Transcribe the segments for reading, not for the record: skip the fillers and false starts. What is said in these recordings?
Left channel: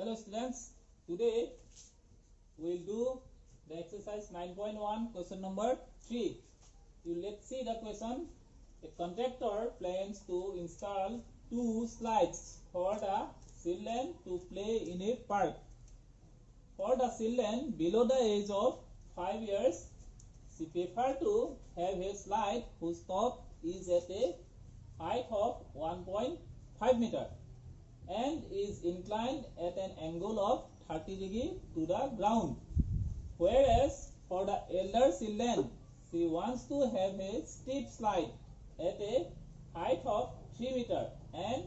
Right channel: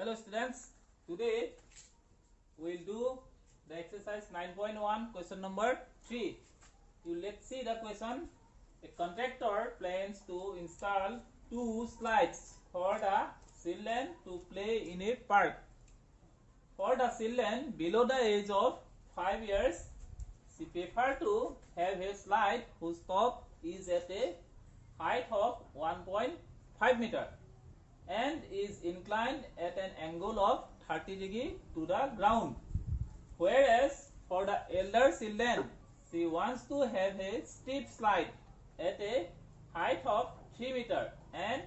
Hello students, today we will do the exercise 9.1 question number 3. Let's see the question. A contractor plans to install 2 slides for the children to play in a park. For the children below the age of 5 years, she prefers to have a slide whose top is at a height of 1.5 meter and is inclined at an angle of 30 degrees to the ground. Whereas for the elder children, she wants to have a steep slide at a height of 3 meter and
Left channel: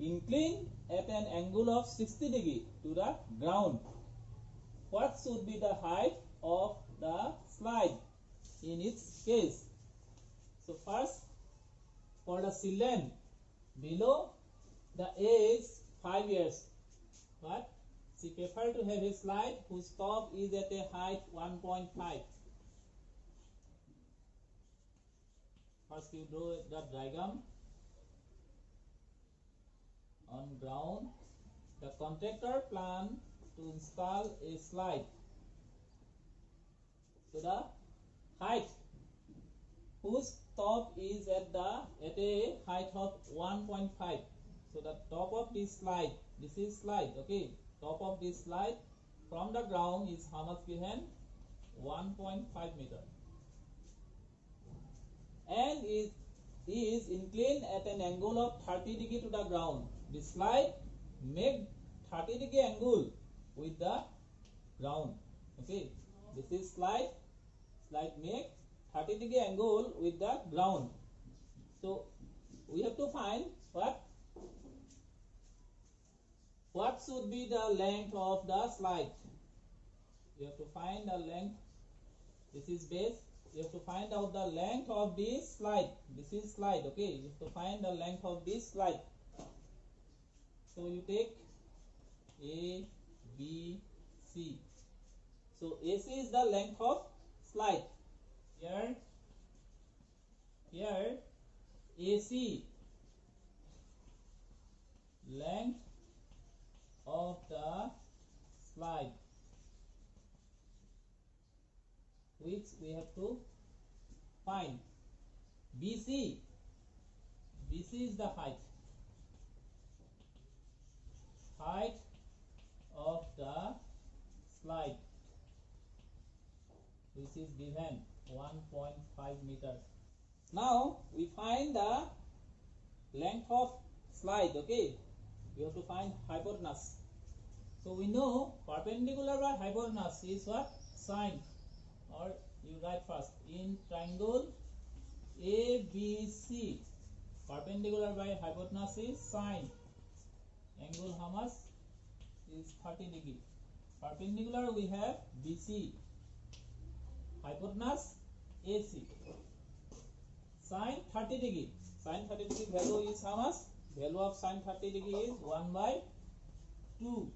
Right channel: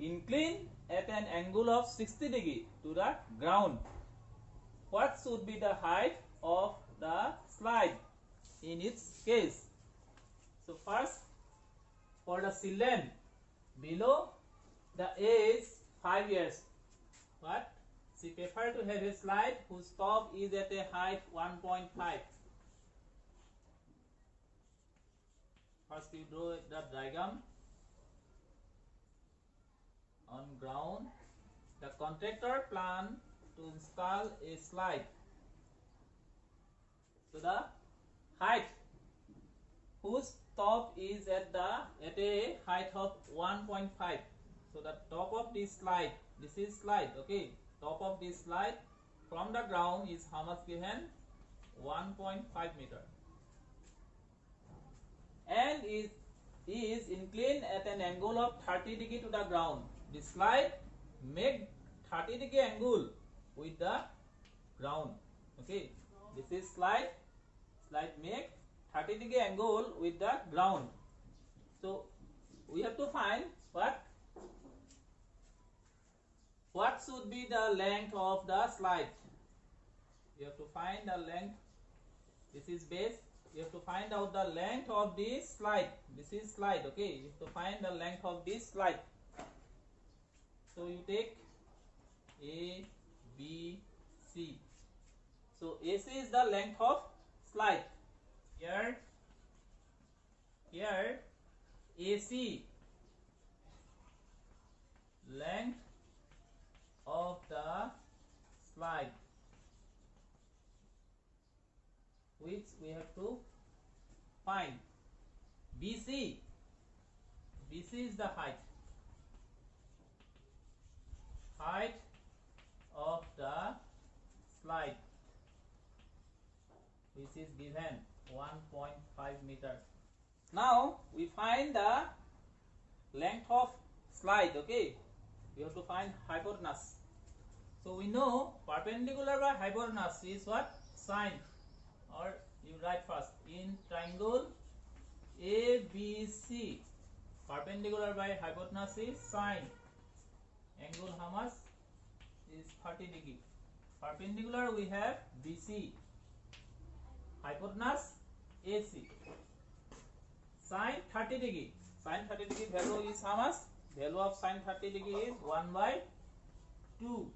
inclined at an angle of 60 degrees to the ground. What should be the height of the slide in its case? So first, for the children below the age 5 years, what? She prefers to have a slide whose top is at a height 1.5. First you draw the diagram. On ground, the contractor plans to install a slide. So the height whose top is at a height of 1.5. So the top of this slide, this is slide, okay. Top of this slide from the ground is how much given? 1.5 meter. And is inclined at an angle of 30 degree to the ground. The slide make 30 degree angle with the ground. Okay. This is slide make 30 degree angle with the ground. So we have to find what should be the length of the slide. You have to find the length. This is base. You have to find out the length of this slide. This is slide, okay. You have to find the length of this slide. So you take A, B, C. So AC is the length of slide. Here AC length of the slide, which we have to find. BC is the height of the slide, which is given 1.5 meter. Now we find the length of slide, okay. We have to find hypotenuse. So we know perpendicular by hypotenuse is what? Sine. Or you write first in triangle ABC, perpendicular by hypotenuse is sine. Angle how much? Is 30 degree. Perpendicular we have BC. Hypotenuse AC. Sine 30 degree. Sine 30 degree value is how much? Value of sine 30 degree is 1 by 2.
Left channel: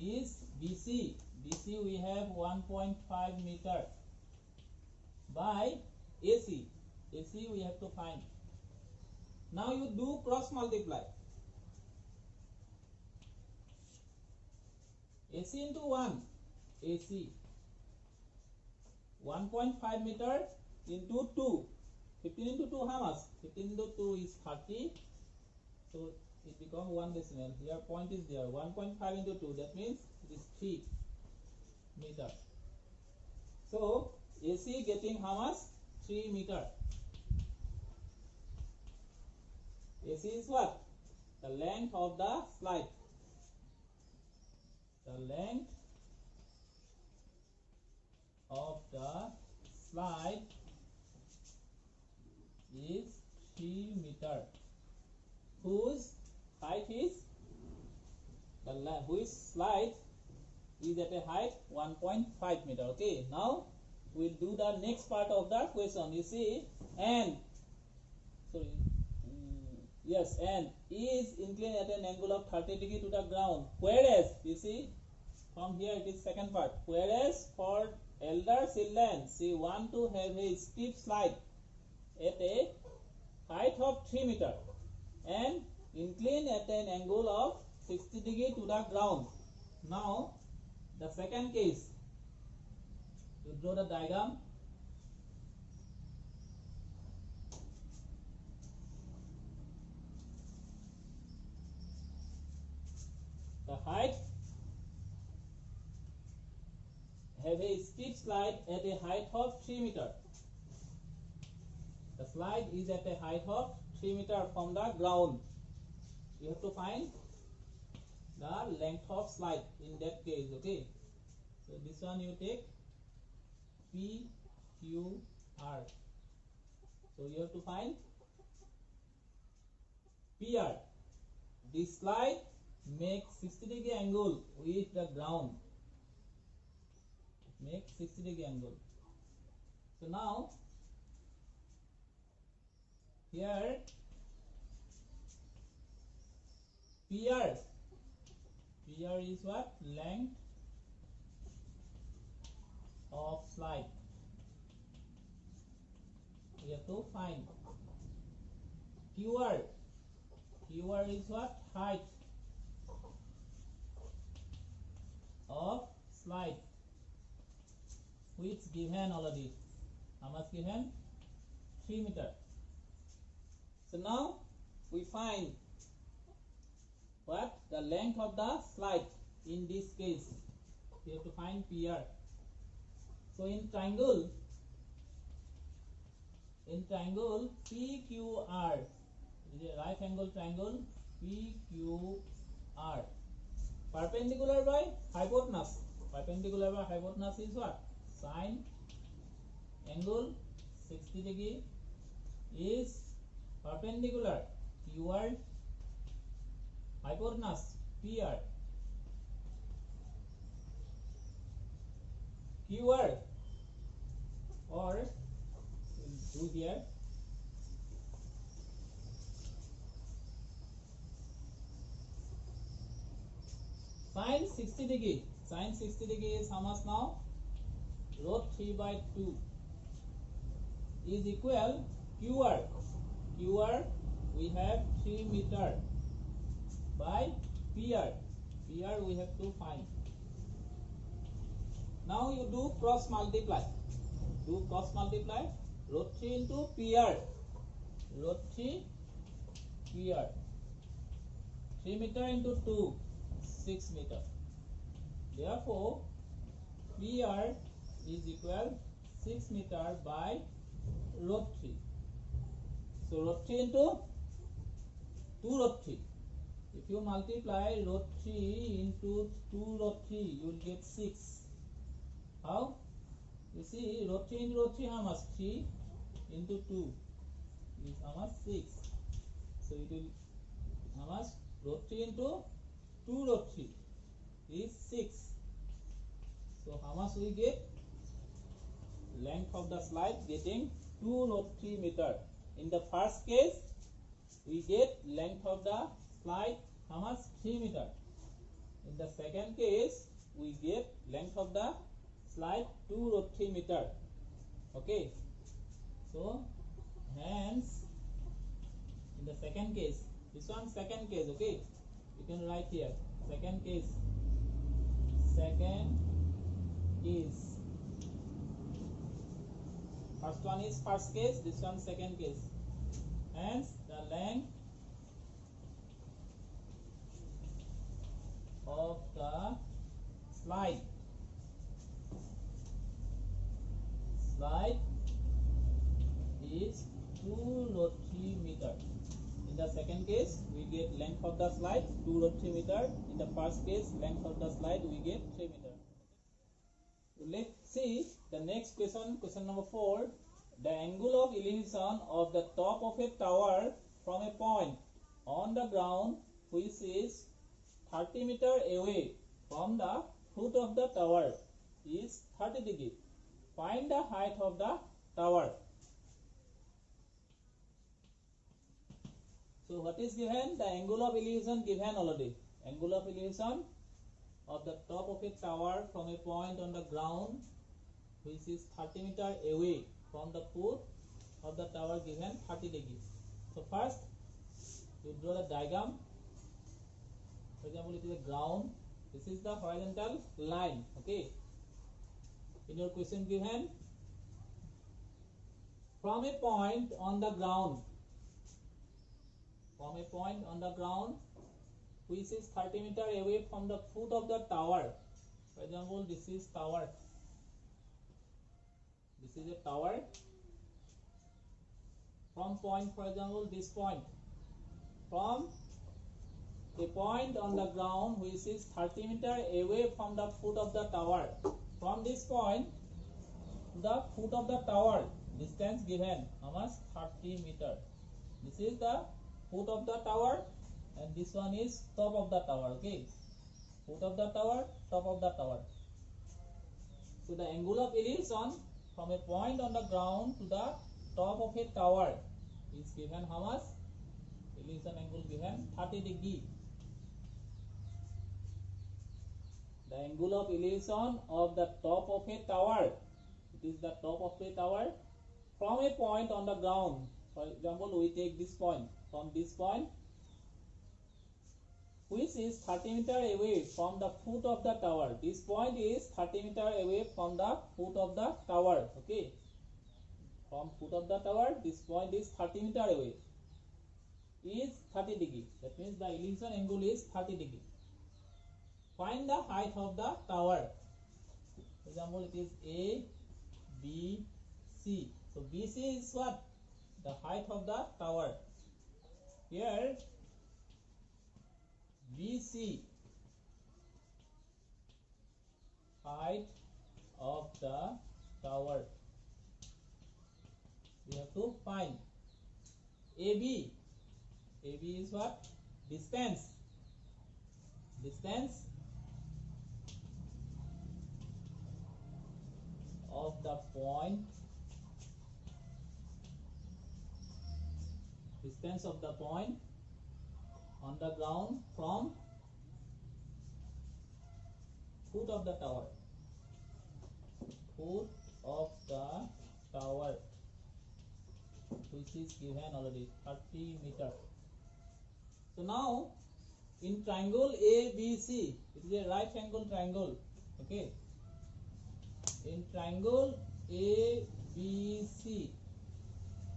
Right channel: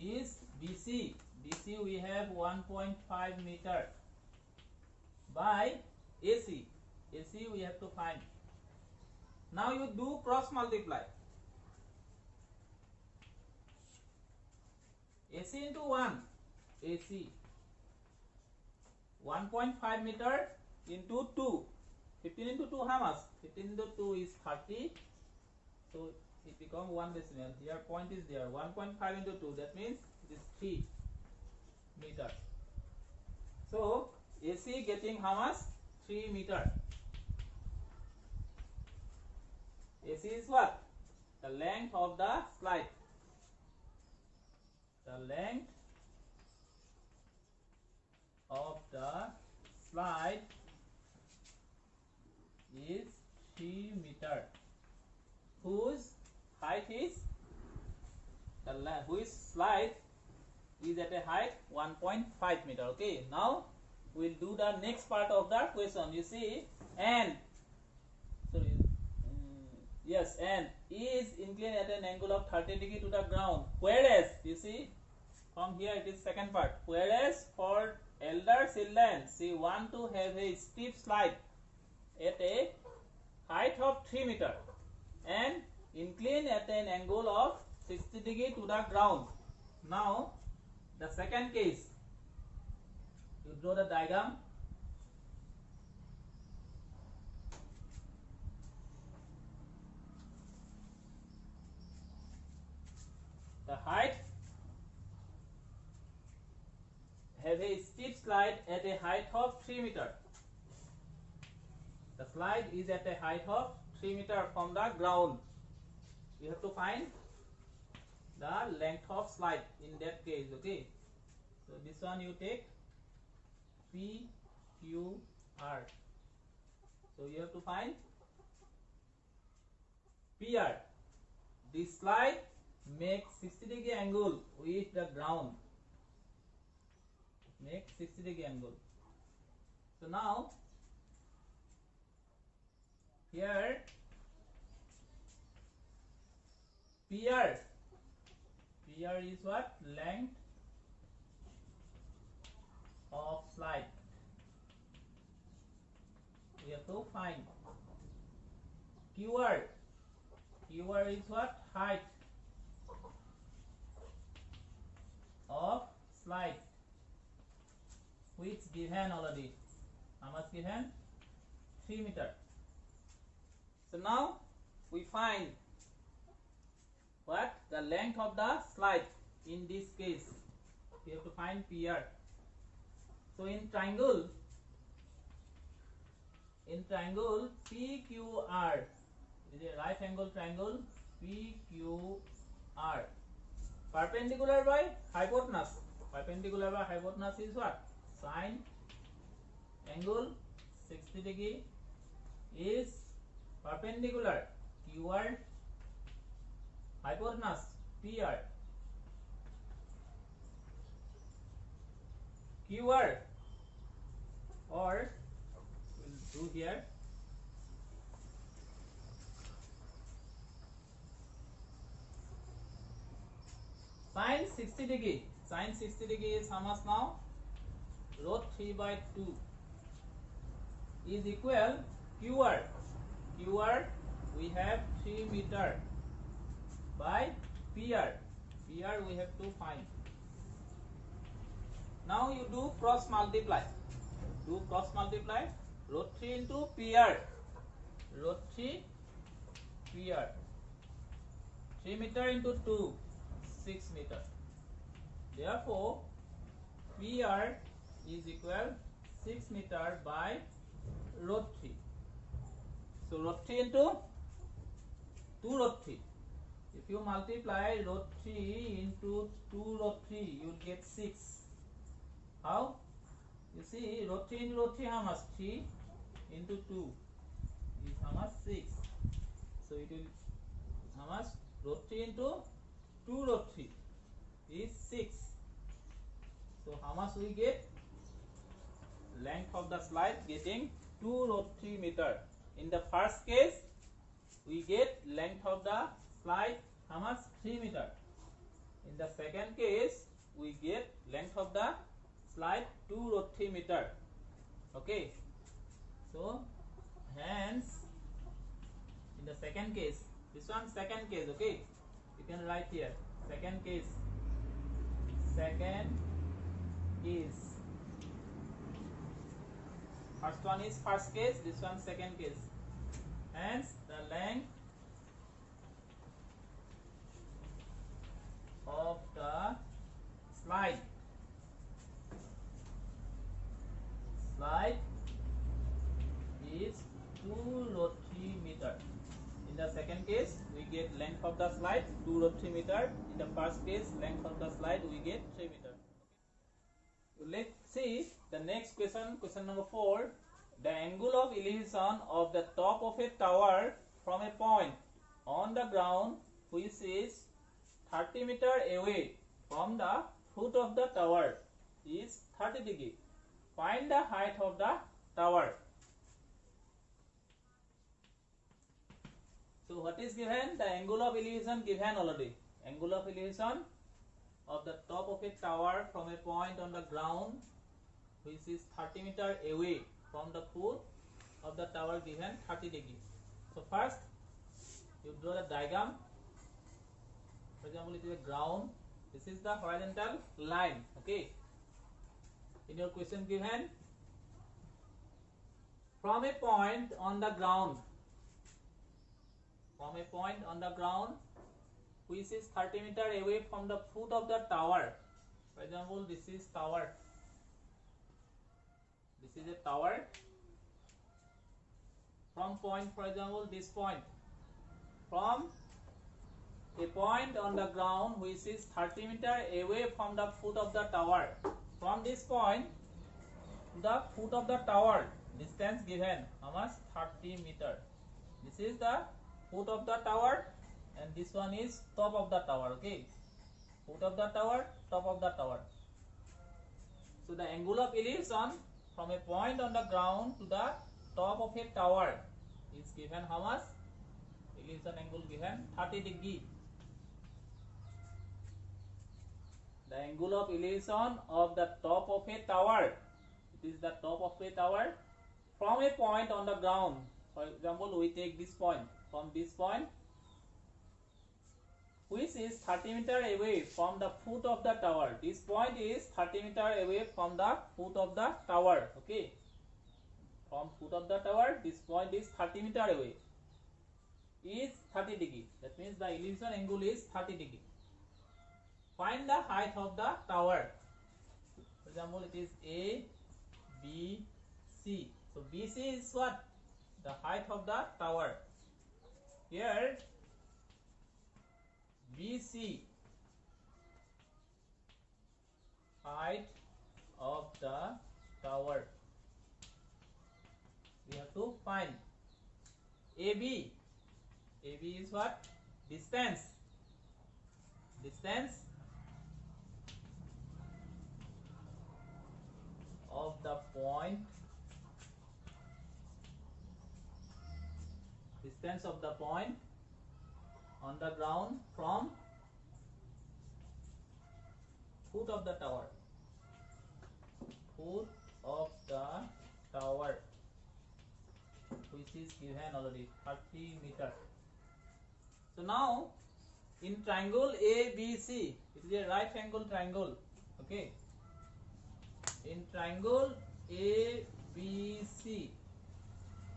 Is BC. BC we have 1.5 meter by AC. AC we have to find. Now you do cross multiply. AC into 1. AC 1.5 meter into 2. 15 into 2 how much? 15 into 2 is 30. So it becomes 1 decimal. Here point is there. 1.5 into 2. That means it is 3 meter. So AC getting how much? 3 meter. AC is what? The length of the slide. The length of the slide is 3 meter. Whose height is whose slide is at a height 1.5 meter. Okay, now we'll do the next part of the question. You see, and yes, and is inclined at an angle of 30 degree to the ground. Whereas you see from here it is second part. Whereas for elder children, she want to have a steep slide at a height of 3 meter and incline at an angle of 60 degree to the ground. Now the second case, you draw the diagram. The height have a steep slide at a height of 3 meter. The slide is at a height of 3 meter from the ground. You have to find the length of slide in that case. Okay, so this one you take P Q R. So you have to find PR. This slide makes 60 degree angle with the ground. Make 60 degree angle. So now here PR is what? Length of slide. We have to find QR is what? Height of slide, which given already. How much given? 3 meter. So now we find what? The length of the slide. In this case, we have to find PR. So in triangle PQR, it is a right angle triangle PQR. Perpendicular by hypotenuse. Perpendicular by hypotenuse is what? Sine angle 60 degree is perpendicular QR, hypotenuse PR. QR, or we'll do here sine 60 degree. Sine 60 degree is how much now? Root 3 by 2 is equal QR. QR we have 3 meter by PR. PR we have to find. Now you do cross multiply. Do cross multiply. Root 3 into PR. Root 3 PR. 3 meter into 2. 6 meter. Therefore, PR is equal 6 meter by root 3. So root 3 into 2 root 3. If you multiply root 3 into 2 root 3, you will get 6. How? You see, root 3 into root 3 how much? 3 into 2 is how much? 6. So it will how much? Root 3 into 2 root 3 is 6. So how much we get? Length of the slide getting 2 root 3 meter. In the first case, we get length of the slide how much? 3 meter. In the second case, we get length of the slide 2 root 3 meter. Okay. So hence in the second case, this one second case. Okay, you can write here second case. Second case. First one is first case, this one second case. Hence the length of the slide is 2 root 3 meter. In the second case, we get length of the slide 2 root 3 meter. In the first case, length of the slide we get 3 meter. Let's see the next question, question number 4. The angle of elevation of the top of a tower from a point on the ground which is 30 meter away from the foot of the tower is 30 degree. Find the height of the tower. So what is given? The angle of elevation given already. Angle of elevation of the top of a tower from a point on the ground which is 30 meter away from the foot of the tower given 30 degree. So first you draw the diagram. For example, it is a ground. This is the horizontal line. Okay. In your question given, from a point on the ground, which is 30 meter away from the foot of the tower. For example, this is tower. This is a tower. From point, for example, this point. From a point on the ground which is 30 meter away from the foot of the tower. From this point to the foot of the tower, distance given, how much? 30 meter. This is the foot of the tower, and this one is top of the tower. Okay, foot of the tower, top of the tower. So the angle of elevation from a point on the ground to the top of a tower is given how much? Elevation angle given 30 degree. The angle of elevation of the top of a tower, it is the top of a tower, from a point on the ground. For example, we take this point, from this point, which is 30 meter away from the foot of the tower. This point is 30 meter away from the foot of the tower. Okay, from foot of the tower, this point is 30 meter away, is 30 degree. That means the elevation angle is 30 degree. Find the height of the tower. For example, it is A, B, C. So BC is what? The height of the tower. Here BC, height of the tower. We have to find AB. AB is what? Distance. Distance of the point. Distance of the point on the ground from foot of the tower. Foot of the tower, which is given already 30 meter. So now in triangle ABC, it is a right angle triangle. Okay. In triangle ABC,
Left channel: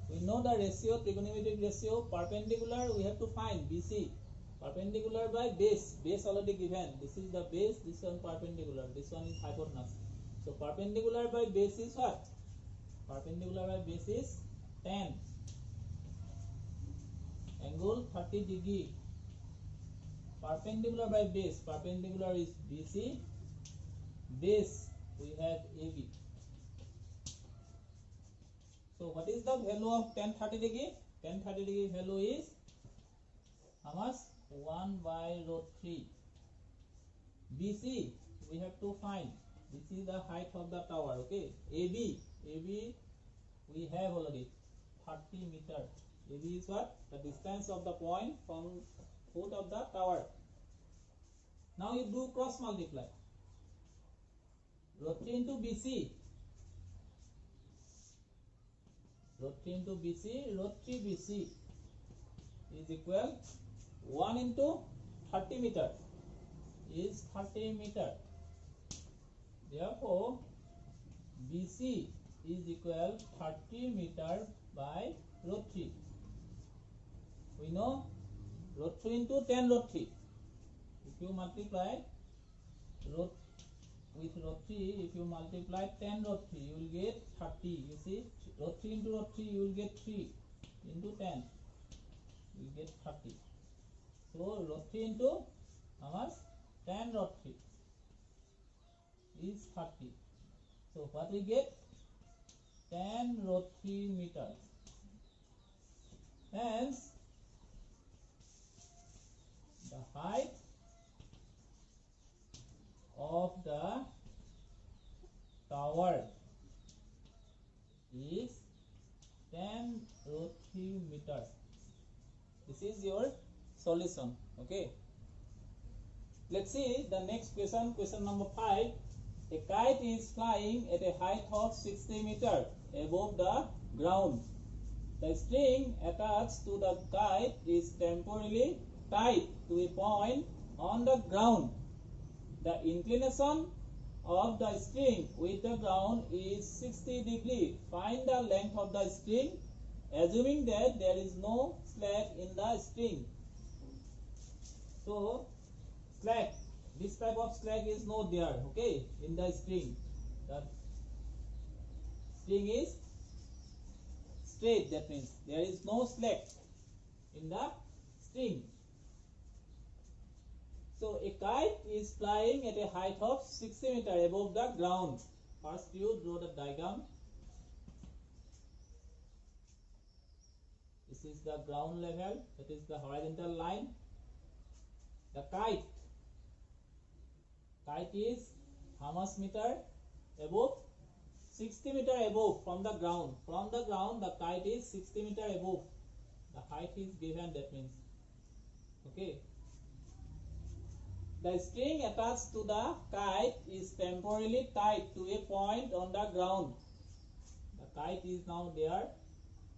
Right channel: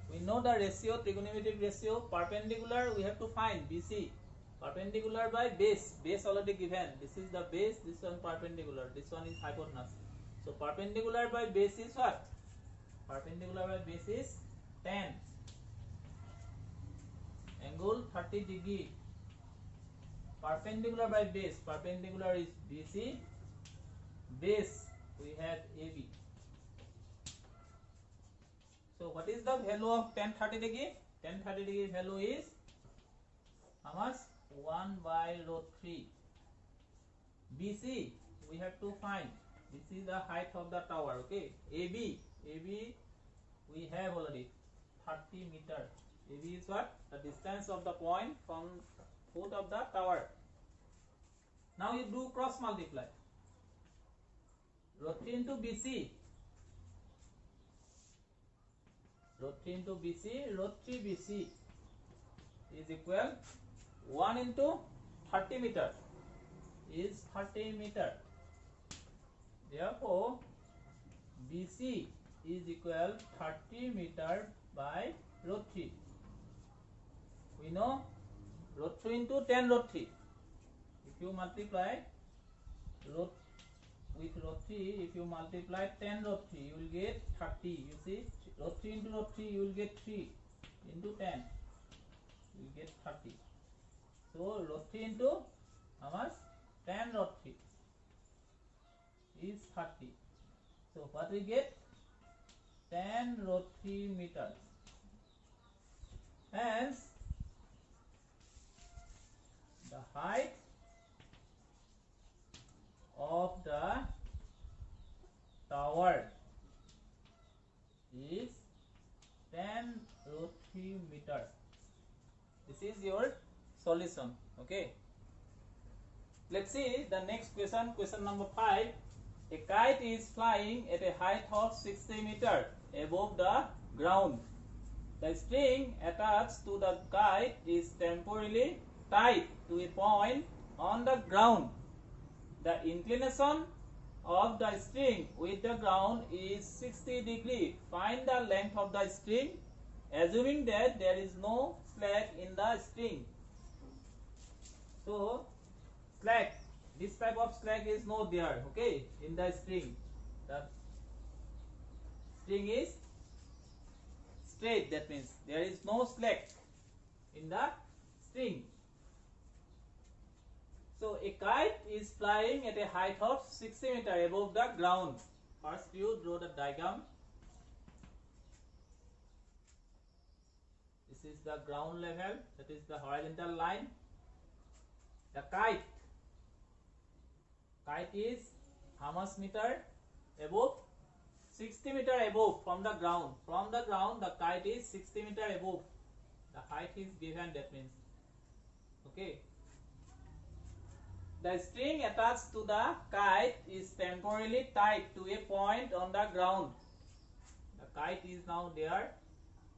we know the ratio, trigonometric ratio. Perpendicular we have to find BC. Perpendicular by base. Base already given. This is the base. This one perpendicular. This one is hypotenuse. So perpendicular by base is what? Perpendicular by base is 10. Angle 30 degree. Perpendicular by base. Perpendicular is BC. Base we have AB. So what is the value of tan 30 degree? Tan 30 degree value is how much? 1 by root 3. BC we have to find. This is the height of the tower. Okay. AB we have already 30 meter. AB is what? The distance of the point from foot of the tower. Now you do cross multiply. Root 3 into BC. Root 3 into BC, root 3 BC is equal 1 into 30 meter is 30 meter. Therefore, BC is equal 30 meter by root 3. We know root 3 into 10 root 3. If you multiply root with root 3, if you multiply 10 root 3, you will get 30. You see, root 3 into root 3, you will get 3 into 10. You will get 30. So root 3 into how much? 10 root 3 is 30. So what we get? 10 root 3 meters. Hence, the height of the tower is 10 root 3 meters. This is your solution. Okay. Let's see the next question. Question number 5. A kite is flying at a height of 60 meters above the ground. The string attached to the kite is temporarily tied to a point on the ground. The inclination of the string with the ground is 60 degree. Find the length of the string, assuming that there is no slack in the string. So slack, this type of slack is not there, okay, in the string. The string is straight, that means there is no slack in the string. So a kite is flying at a height of 60 meters above the ground. First you draw the diagram. This is the ground level, that is the horizontal line. The kite is how much meter above? 60 meter above from the ground. From the ground the kite is 60 meter above. The height is given, that means, okay. The string attached to the kite is temporarily tied to a point on the ground. The kite is now there.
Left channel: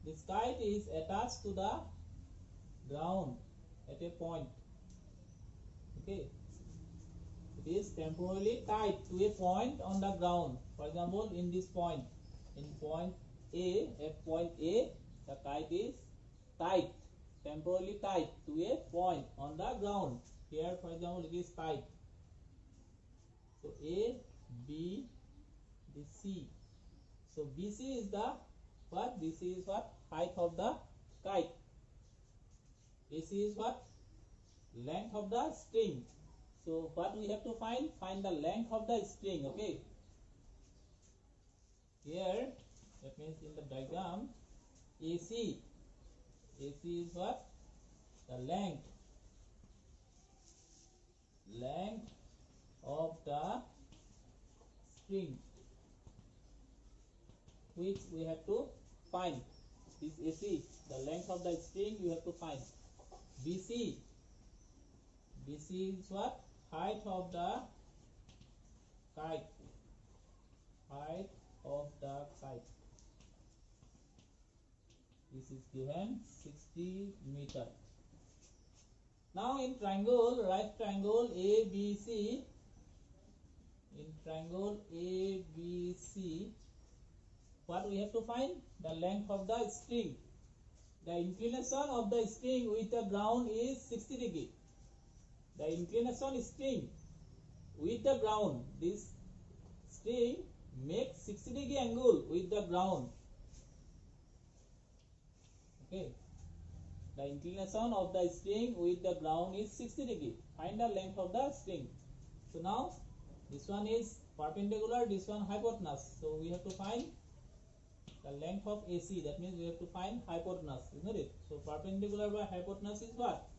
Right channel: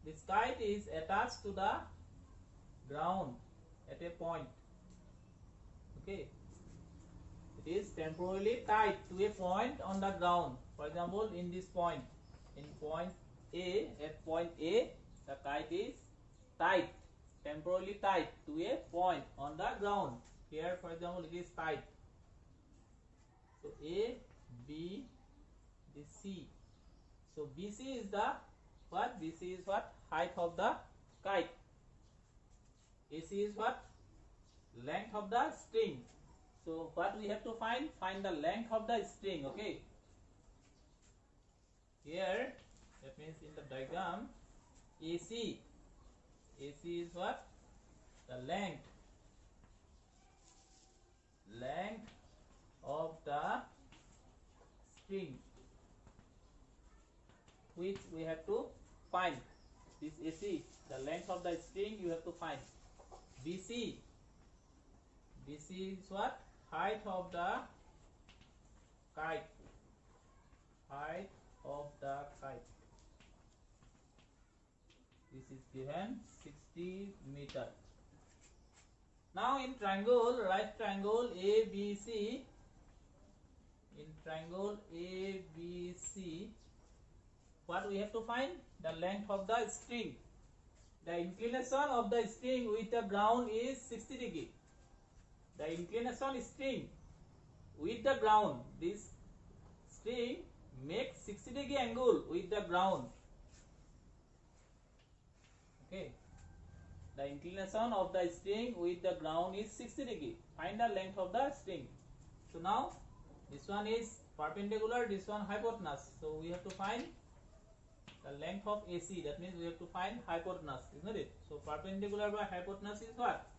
This kite is attached to the ground at a point, okay. It is temporarily tied to a point on the ground. For example, in this point, in point A, at point A, the kite is tied, temporarily tied to a point on the ground. Here, for example, it is tied. So A, B, this C. So BC is the what? BC is what? Height of the kite. AC is what? Length of the string. So what we have to find? Find the length of the string, okay. Here, that means in the diagram, AC is what? The length of the string, which we have to find. This AC, the length of the string, you have to find. BC is what? Height of the kite. Height of the kite. This is given 60 meter. Now in triangle, right triangle ABC, in triangle ABC, what we have to find? The length of the string. The inclination of the string with the ground is 60 degree. The inclination string with the ground, this string makes 60 degree angle with the ground, okay. The inclination of the string with the ground is 60 degree. Find the length of the string. So now this one is perpendicular, this one hypotenuse. So we have to find the length of AC. That means we have to find hypotenuse, isn't it? So perpendicular by hypotenuse is what?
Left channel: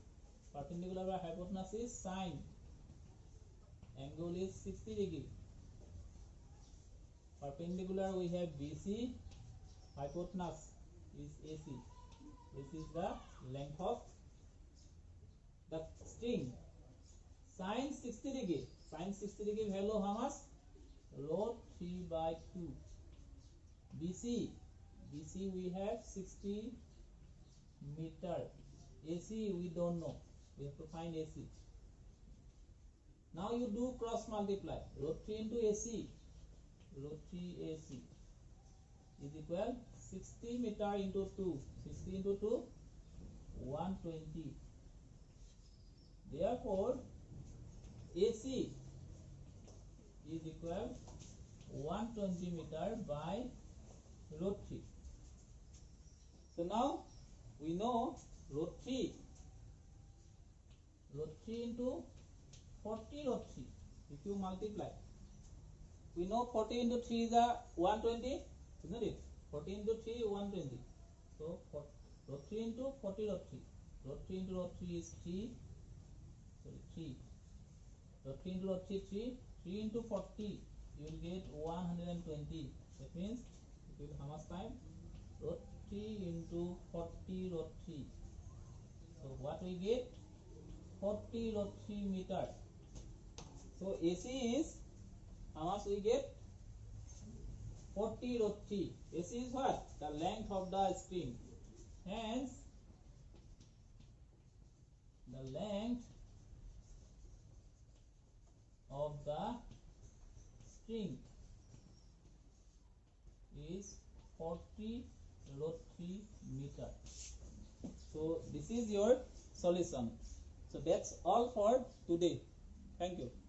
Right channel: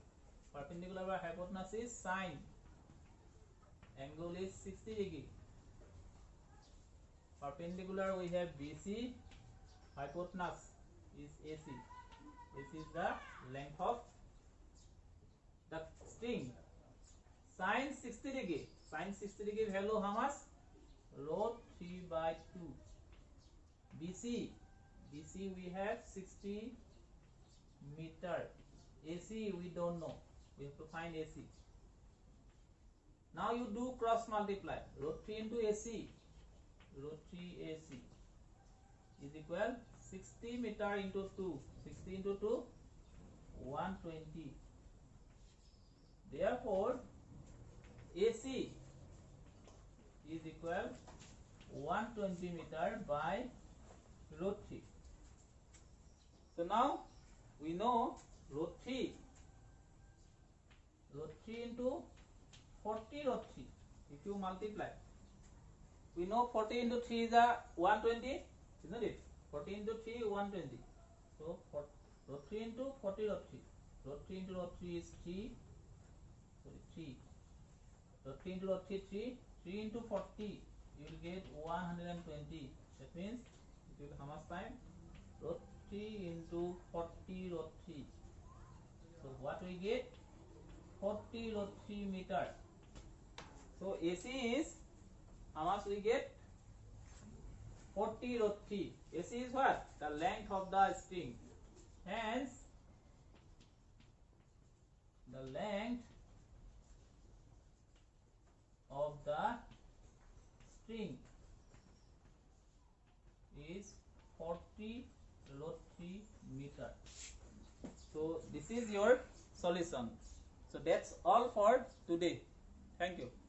Perpendicular by hypotenuse is sine. Angle is 60 degree. Perpendicular we have BC. Hypotenuse is AC. This is the length of the string. Sine 60 degree. Sine 60 degree value how much? Root 3 by 2. BC we have 60 meter. AC we don't know. We have to find AC. Now you do cross multiply. Root 3 into AC. Root 3 AC is equal 60 meter into 2. 60 into 2, 120. Therefore, AC is equal 120 meter by root 3. So now we know root 3 into 40 root 3. If you multiply, we know 40 into 3 is a 120, isn't it? 40 into 3 120. So root 3 into 40 root 3. Root 3 into root 3 is 3. Sorry, 3. Root 3 into root 3 3. 3 into 40 you will get 120. That means it will how much time? Root 3 into 40 root 3. So what we get? 40 root 3 meter. So AC is how much we get? 40 root 3. AC is what? The length of the string. Hence, the length the string is 40 rotary meter. So this is your solution. So that's all for today. Thank you.